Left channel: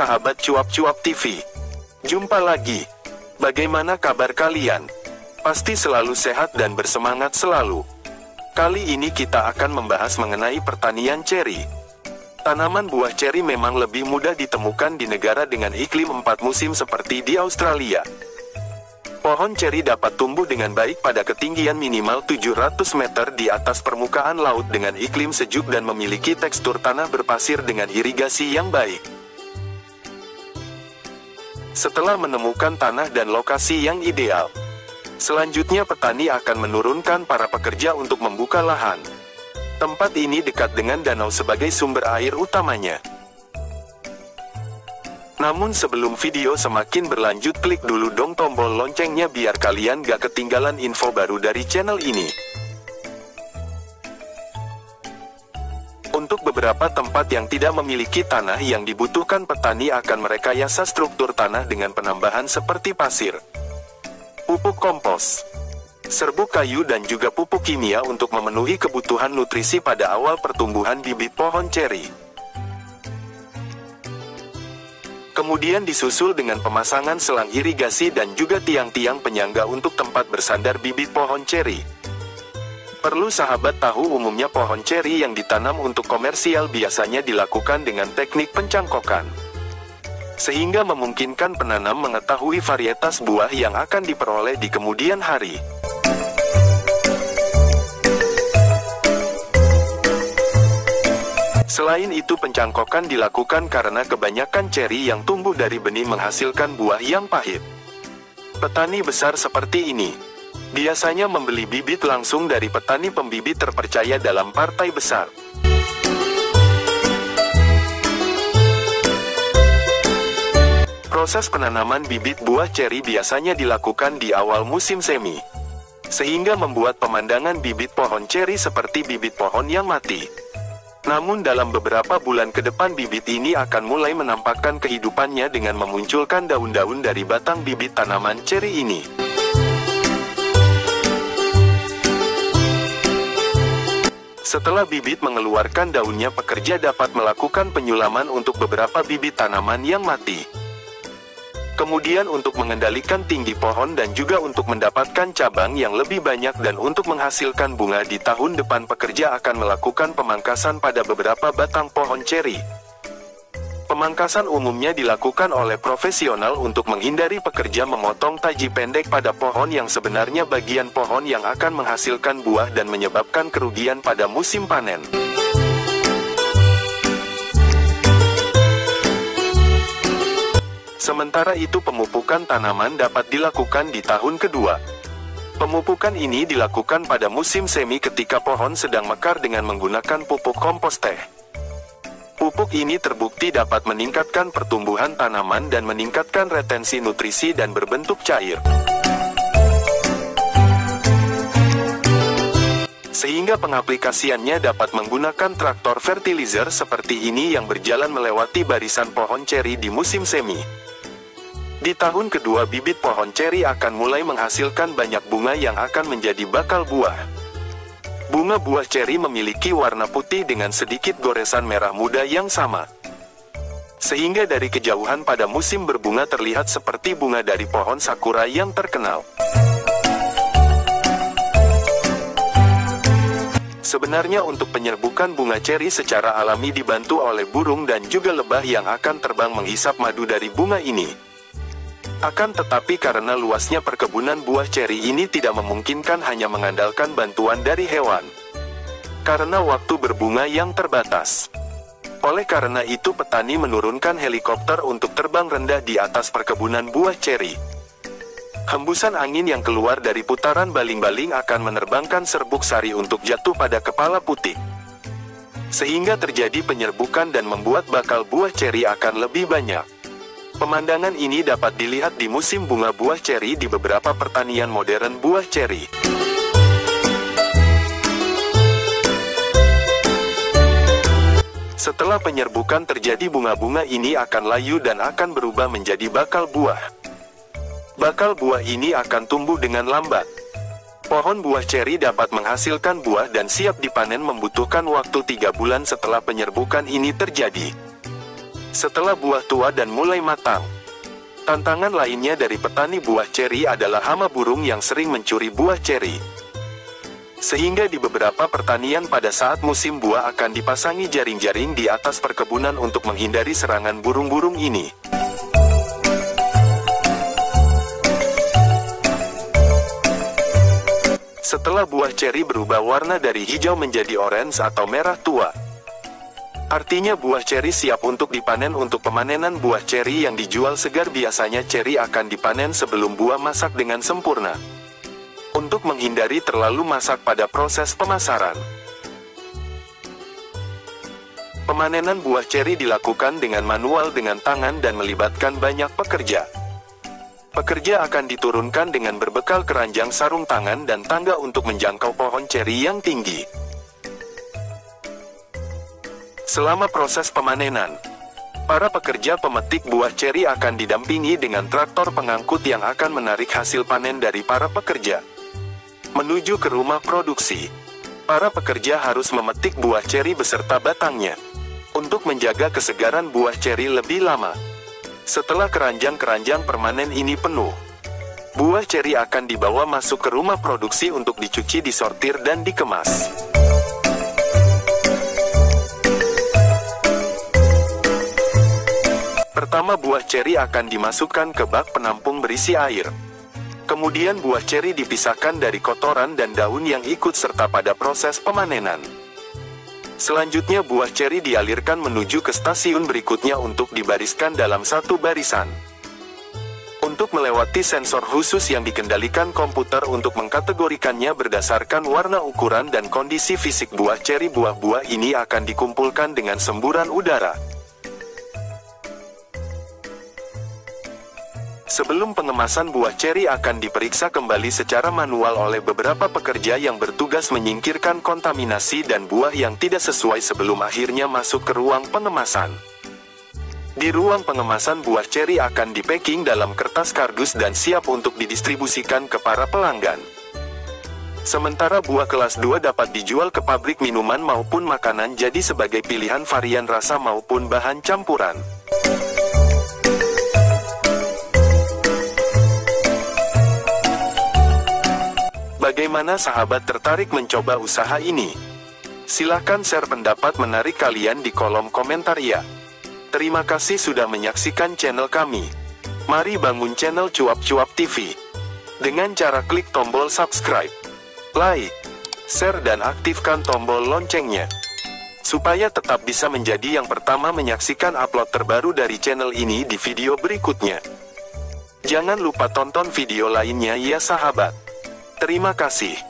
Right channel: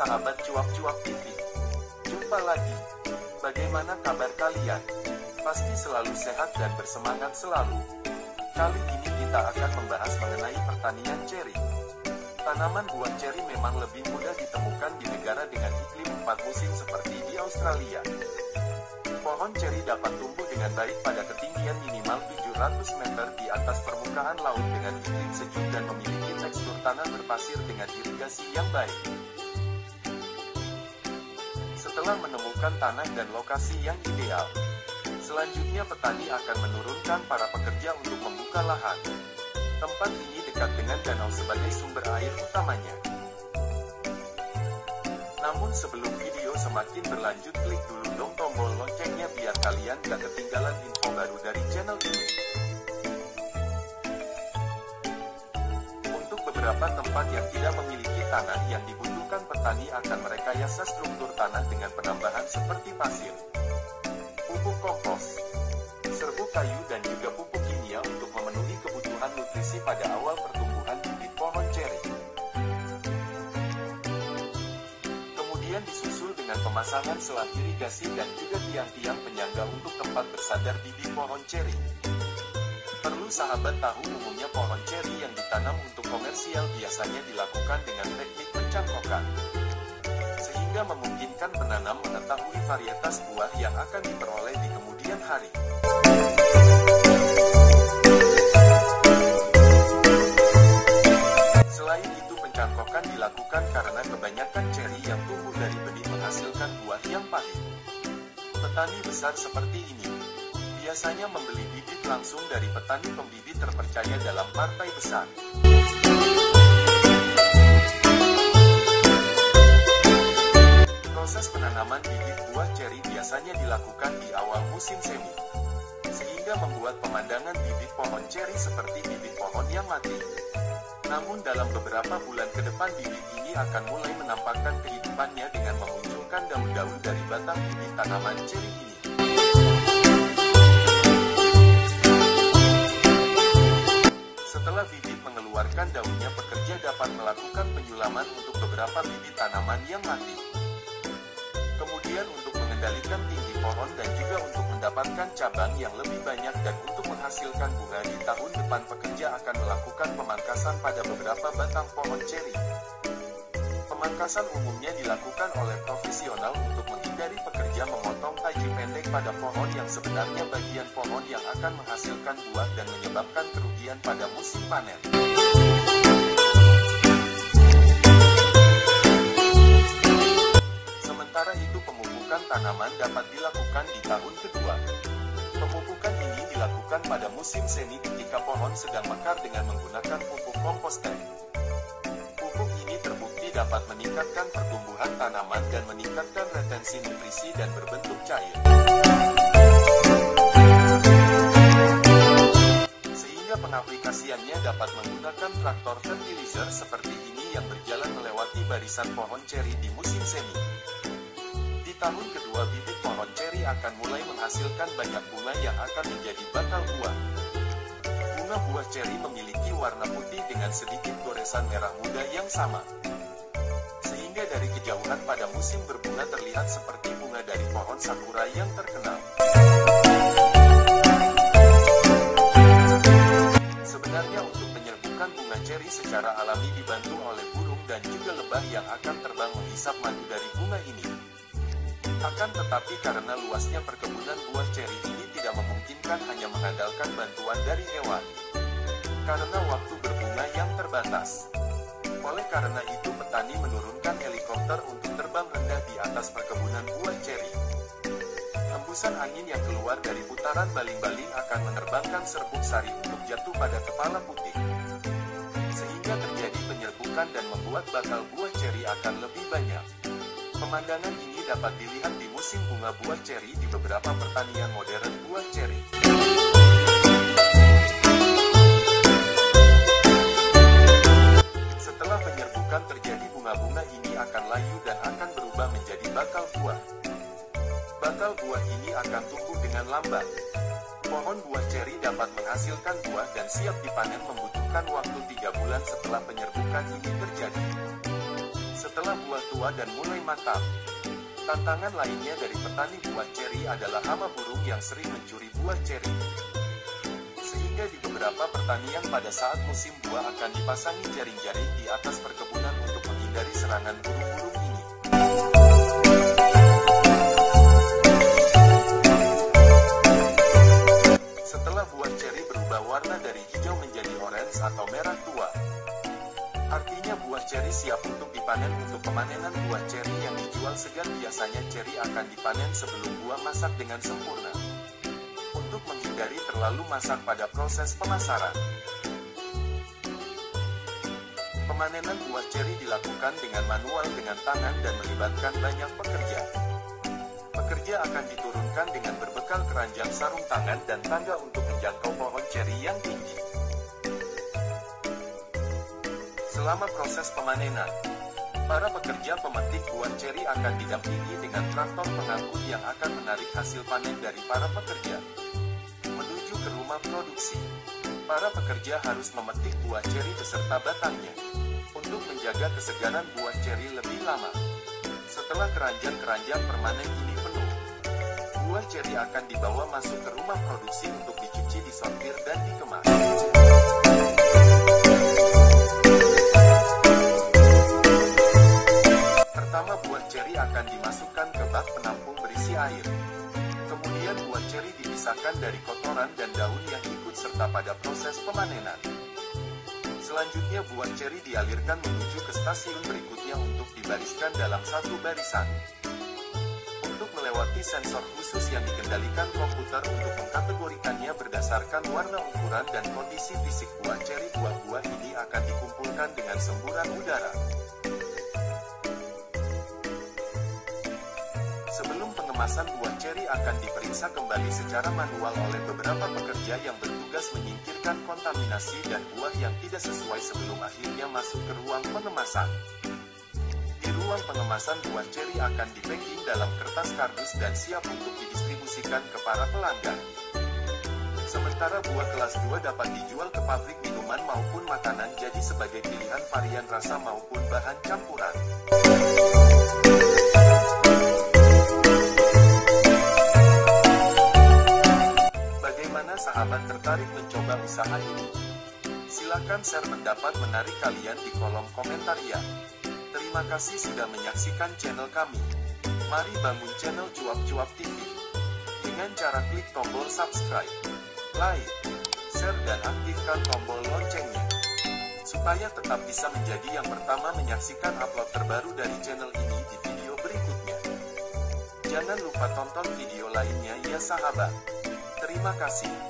sahabat Cuap-Cuap TV. Jumpa lagi. Bagaimana kabar kalian? Pasti selalu sehat dan bersemangat selalu. Kali ini kita akan membahas mengenai pertanian ceri. Tanaman buah ceri memang lebih mudah ditemukan di negara dengan iklim 4 musim seperti di Australia. Pohon ceri dapat tumbuh dengan baik pada ketinggian minimal 700 meter di atas permukaan laut dengan iklim sejuk dan memiliki tekstur tanah berpasir dengan irigasi yang baik. Setelah menemukan tanah dan lokasi yang ideal, selanjutnya petani akan menurunkan para pekerja untuk membuka lahan. Tempat ini dekat dengan danau sebagai sumber air utamanya. Namun sebelum video semakin berlanjut, klik dulu dong tombol loncengnya biar kalian gak ketinggalan info baru dari channel ini. Untuk beberapa tempat yang tidak memiliki tanah yang dibutuhkan, petani akan merekayasa struktur tanah dengan penambahan seperti pasir, pupuk kompos, serbuk kayu dan juga pupuk kimia untuk memenuhi kebutuhan nutrisi pada awal pertumbuhan bibit pohon ceri. Kemudian disusul dengan pemasangan selang irigasi dan juga tiang-tiang penyangga untuk tempat bersandar bibit pohon ceri. Perlu sahabat tahu, umumnya pohon ceri yang ditanam untuk komersial biasanya dilakukan dengan teknik pencangkokan, sehingga memungkinkan penanam mengetahui varietas buah yang akan diperoleh di kemudian hari. Selain itu, pencangkokan dilakukan karena kebanyakan ceri yang tumbuh dari benih menghasilkan buah yang pahit. Petani besar seperti ini biasanya membeli bibit langsung dari petani pembibit terpercaya dalam partai besar. Proses penanaman bibit buah ceri biasanya dilakukan di awal musim semi, sehingga membuat pemandangan bibit pohon ceri seperti bibit pohon yang mati. Namun dalam beberapa bulan ke depan bibit ini akan mulai menampakkan kehidupannya dengan memunculkan daun-daun dari batang bibit tanaman ceri ini. Setelah bibit mengeluarkan daunnya, pekerja dapat melakukan penyulaman untuk beberapa bibit tanaman yang mati. Kemudian untuk mengendalikan tinggi pohon dan juga untuk mendapatkan cabang yang lebih banyak dan untuk menghasilkan bunga di tahun depan, pekerja akan melakukan pemangkasan pada beberapa batang pohon ceri. Pemangkasan umumnya dilakukan oleh profesional untuk menghindari pekerja memotong taji pendek pada pohon yang sebenarnya bagian pohon yang akan menghasilkan buah dan menyebabkan kerugian pada musim panen. Sementara itu, pemupukan tanaman dapat dilakukan di tahun kedua. Pemupukan ini dilakukan pada musim semi ketika pohon sedang mekar dengan menggunakan pupuk kompos teh. Pupuk ini terbukti dapat meningkatkan pertumbuhan tanaman dan meningkatkan retensi nutrisi dan berbentuk cair, sehingga pengaplikasiannya dapat menggunakan traktor fertilizer seperti ini yang berjalan melewati barisan pohon ceri di musim semi. Di tahun kedua, bibit pohon ceri akan mulai menghasilkan banyak bunga yang akan menjadi bakal buah. Bunga buah ceri memiliki warna putih dengan sedikit goresan merah muda yang sama, sehingga dari kejauhan pada musim berbunga terlihat seperti bunga dari pohon sakura yang terkenal. Sebenarnya untuk penyerbukan bunga ceri secara alami dibantu oleh burung dan juga lebah yang akan terbang menghisap madu dari bunga ini. Akan tetapi karena luasnya perkebunan buah ceri ini tidak memungkinkan hanya mengandalkan bantuan dari hewan, karena waktu berbunga yang terbatas. Oleh karena itu, petani menurunkan helikopter untuk terbang rendah di atas perkebunan buah ceri. Hembusan angin yang keluar dari putaran baling-baling akan menerbangkan serbuk sari untuk jatuh pada kepala putik, sehingga terjadi penyerbukan dan membuat bakal buah ceri akan lebih banyak. Pemandangan ini dapat dilihat di musim bunga buah ceri di beberapa pertanian modern buah ceri. Setelah penyerbukan terjadi, bunga-bunga ini akan layu dan akan berubah menjadi bakal buah. Bakal buah ini akan tumbuh dengan lambat. Pohon buah ceri dapat menghasilkan buah dan siap dipanen membutuhkan waktu 3 bulan setelah penyerbukan ini terjadi. Setelah buah tua dan mulai matang, tantangan lainnya dari petani buah ceri adalah hama burung yang sering mencuri buah ceri. Sehingga di beberapa pertanian pada saat musim buah akan dipasangi jaring-jaring di atas perkebunan untuk menghindari serangan burung-burung ini. Setelah buah ceri berubah warna dari hijau menjadi orange atau merah tua, artinya buah ceri siap untuk dipanen. Untuk pemanenan buah ceri yang dijual segar, biasanya ceri akan dipanen sebelum buah masak dengan sempurna, untuk menghindari terlalu masak pada proses pemasaran. Pemanenan buah ceri dilakukan dengan manual dengan tangan dan melibatkan banyak pekerja. Pekerja akan diturunkan dengan berbekal keranjang, sarung tangan, dan tangga untuk menjangkau pohon ceri yang tinggi. Selama proses pemanenan, para pekerja pemetik buah ceri akan didampingi dengan traktor pengangkut yang akan menarik hasil panen dari para pekerja menuju ke rumah produksi. Para pekerja harus memetik buah ceri beserta batangnya untuk menjaga kesegaran buah ceri lebih lama. Setelah keranjang-keranjang permanen ini penuh, buah ceri akan dibawa masuk ke rumah produksi untuk dicuci, disortir, dan dikemas. Pertama, buah ceri akan dimasukkan ke bak penampung berisi air. Kemudian buah ceri dipisahkan dari kotoran dan daun yang ikut serta pada proses pemanenan. Selanjutnya buah ceri dialirkan menuju ke stasiun berikutnya untuk dibariskan dalam satu barisan. Untuk melewati sensor khusus yang dikendalikan komputer untuk mengkategorikannya berdasarkan warna, ukuran, dan kondisi fisik buah ceri, buah-buah ini akan dikumpulkan dengan semburan udara. Sebelum pengemasan, buah ceri akan diperiksa kembali secara manual oleh beberapa pekerja yang bertugas menyingkirkan kontaminasi dan buah yang tidak sesuai sebelum akhirnya masuk ke ruang pengemasan. Di ruang pengemasan, buah ceri akan dipacking dalam kertas kardus dan siap untuk didistribusikan ke para pelanggan. Sementara buah kelas 2 dapat dijual ke pabrik minuman maupun makanan, jadi sebagai pilihan varian rasa maupun bahan campuran. Bagaimana sahabat tertarik mencoba usaha ini? Silahkan share pendapat menarik kalian di kolom komentar ya. Terima kasih sudah menyaksikan channel kami. Mari bangun channel Cuap-Cuap TV dengan cara klik tombol subscribe, like, share, dan aktifkan tombol loncengnya, supaya tetap bisa menjadi yang pertama menyaksikan upload terbaru dari channel ini di video berikutnya. Jangan lupa tonton video lainnya ya sahabat. Terima kasih.